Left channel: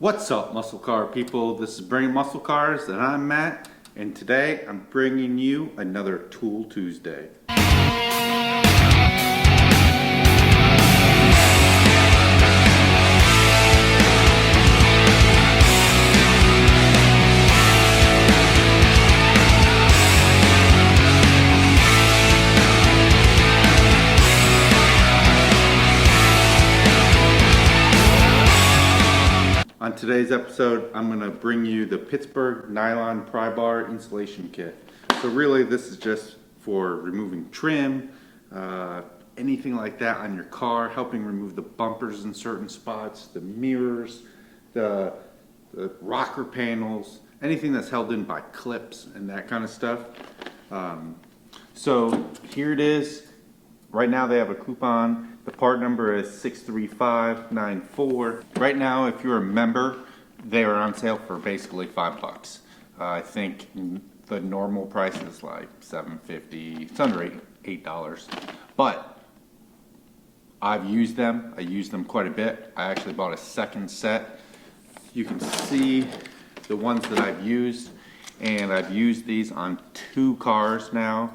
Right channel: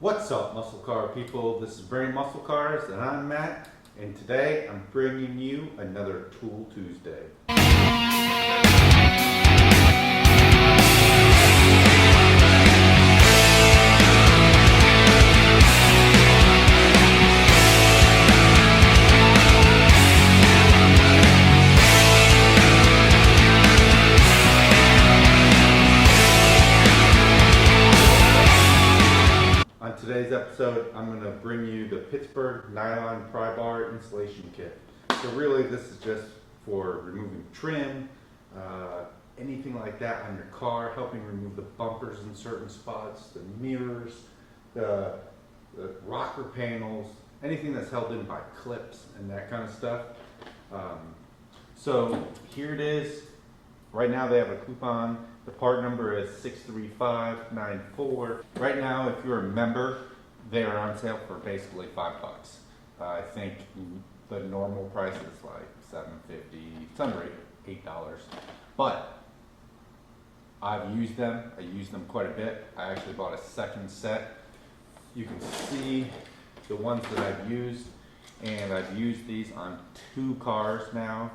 What's up, muscle car people? This is Brain Muscle Cars and I'm Matt, and today I'm bringing you another Tool Tuesday. On today's episode, I'm going to bring you the PITTSBURGH Nylon Pry Bar Insulation Kit. So really this is just for removing trim, anything like that on your car, helping remove the bumpers in certain spots, the mirrors, the rocker panels, anything that's held in by clips and that kind of stuff. So here it is. Right now they have a coupon. The part number is 63594. Right now, if you're a member, they are on sale for basically $5. I think the normal price is like $7.50. It's under $8. But I've used them. I use them quite a bit. I actually bought a second set. You can see the ones that I've used, and I've used these on 2 cars now,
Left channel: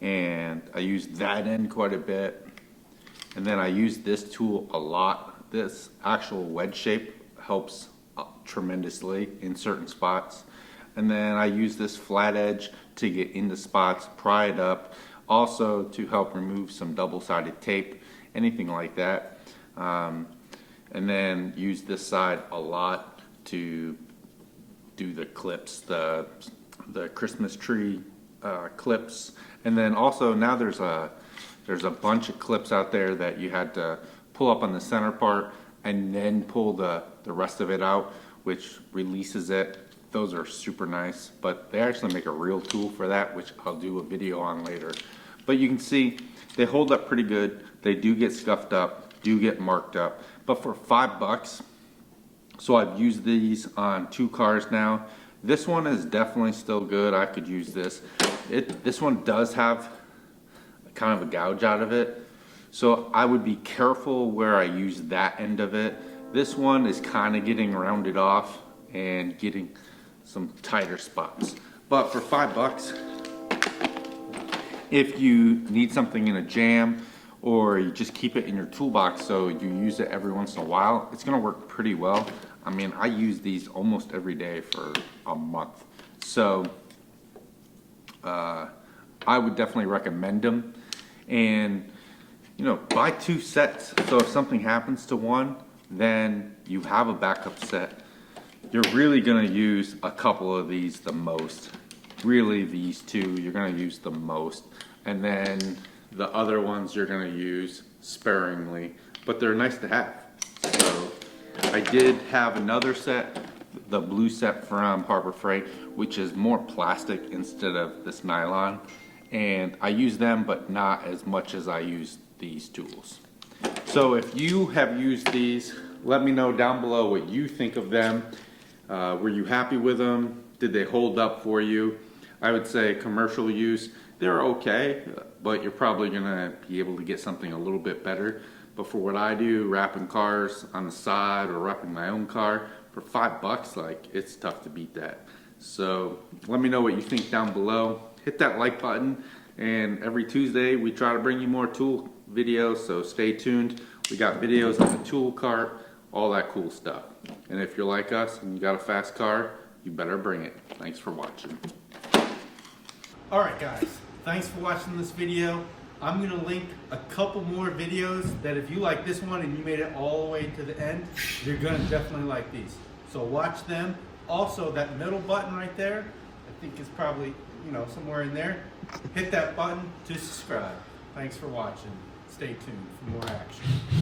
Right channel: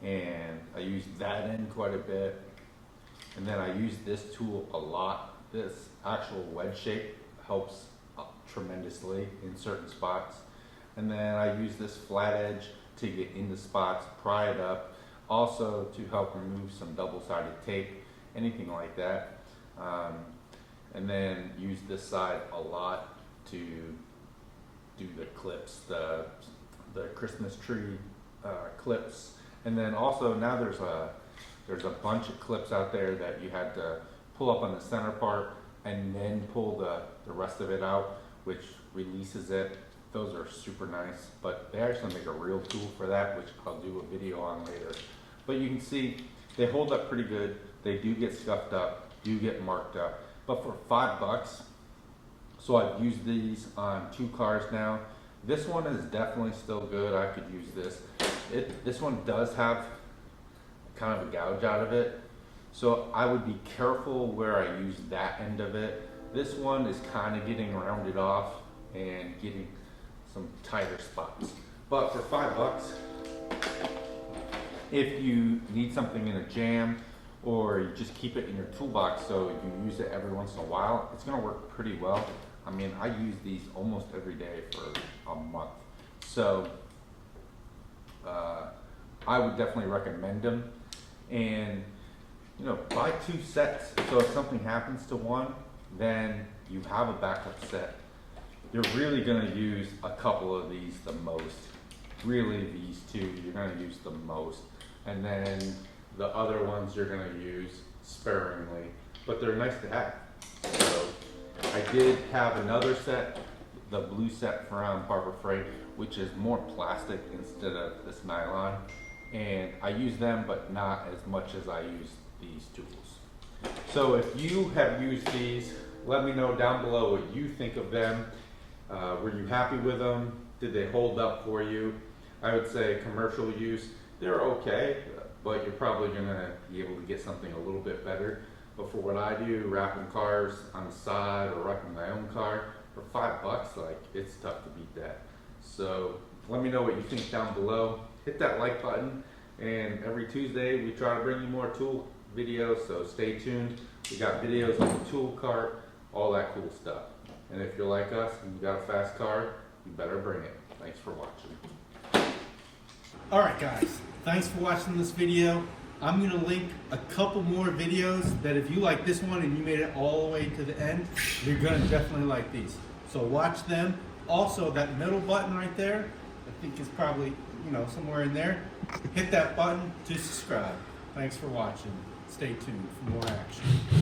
and I use that end quite a bit. And then I use this tool a lot. This actual wedge shape helps tremendously in certain spots. And then I use this flat edge to get into spots, pry it up, also to help remove some double-sided tape, anything like that. And then use this side a lot to do the clips, the Christmas tree clips. And then also now there's a bunch of clips out there that you had to pull up on the center part and then pull the rest of it out, which releases it. Those are super nice, but they actually make a real tool for that, which I'll do a video on later. But you can see they hold up pretty good. They do get scuffed up, do get marked up, but for $5, so I've used these on 2 cars now. This one is definitely still good. I could use this. This one does have kind of a gouge out of it, so I would be careful where I use that end of it. This one is kind of getting rounded off and getting some tighter spots, but for $5, if you need something in a jam or you just keep it in your toolbox so you use it every once in a while, it's going to work pretty well. I mean, I use these almost every day for a month, so I would definitely recommend them. And you know, buy 2 sets, so if something happens to one, then you have a backup set. You're really going to use a couple of these the most. Really, these 2 you're going to use the most, and then the other ones you're going to use sparingly, but they're nice to have. So I did have another set, the blue set from Harbor Freight, which is more plastic instead of this nylon, and I use them, but not as much as I use these tools. So if you have used these, let me know down below what you think of them. Were you happy with them? Did they hold up for you? I would say commercial use, they're okay, but you're probably gonna be able to get something a little bit better. But for what I do, wrapping cars on the side or wrapping my own car, for $5, like, it's tough to beat that. So let me know what you think down below. Hit that like button, and every Tuesday we try to bring you more tool videos, so stay tuned. We got videos on the tool cart, all that cool stuff. And if you're like us and you got a fast car, you better bring it. Thanks for watching. Alright guys, thanks for watching this video. I'm going to link a couple more videos that if you like this one and you made it all the way to the end, you're going to definitely like these. So watch them. Also, that middle button right there, I think is probably, somewhere in there. Hit that button to subscribe. Thanks for watching. Stay tuned for more action.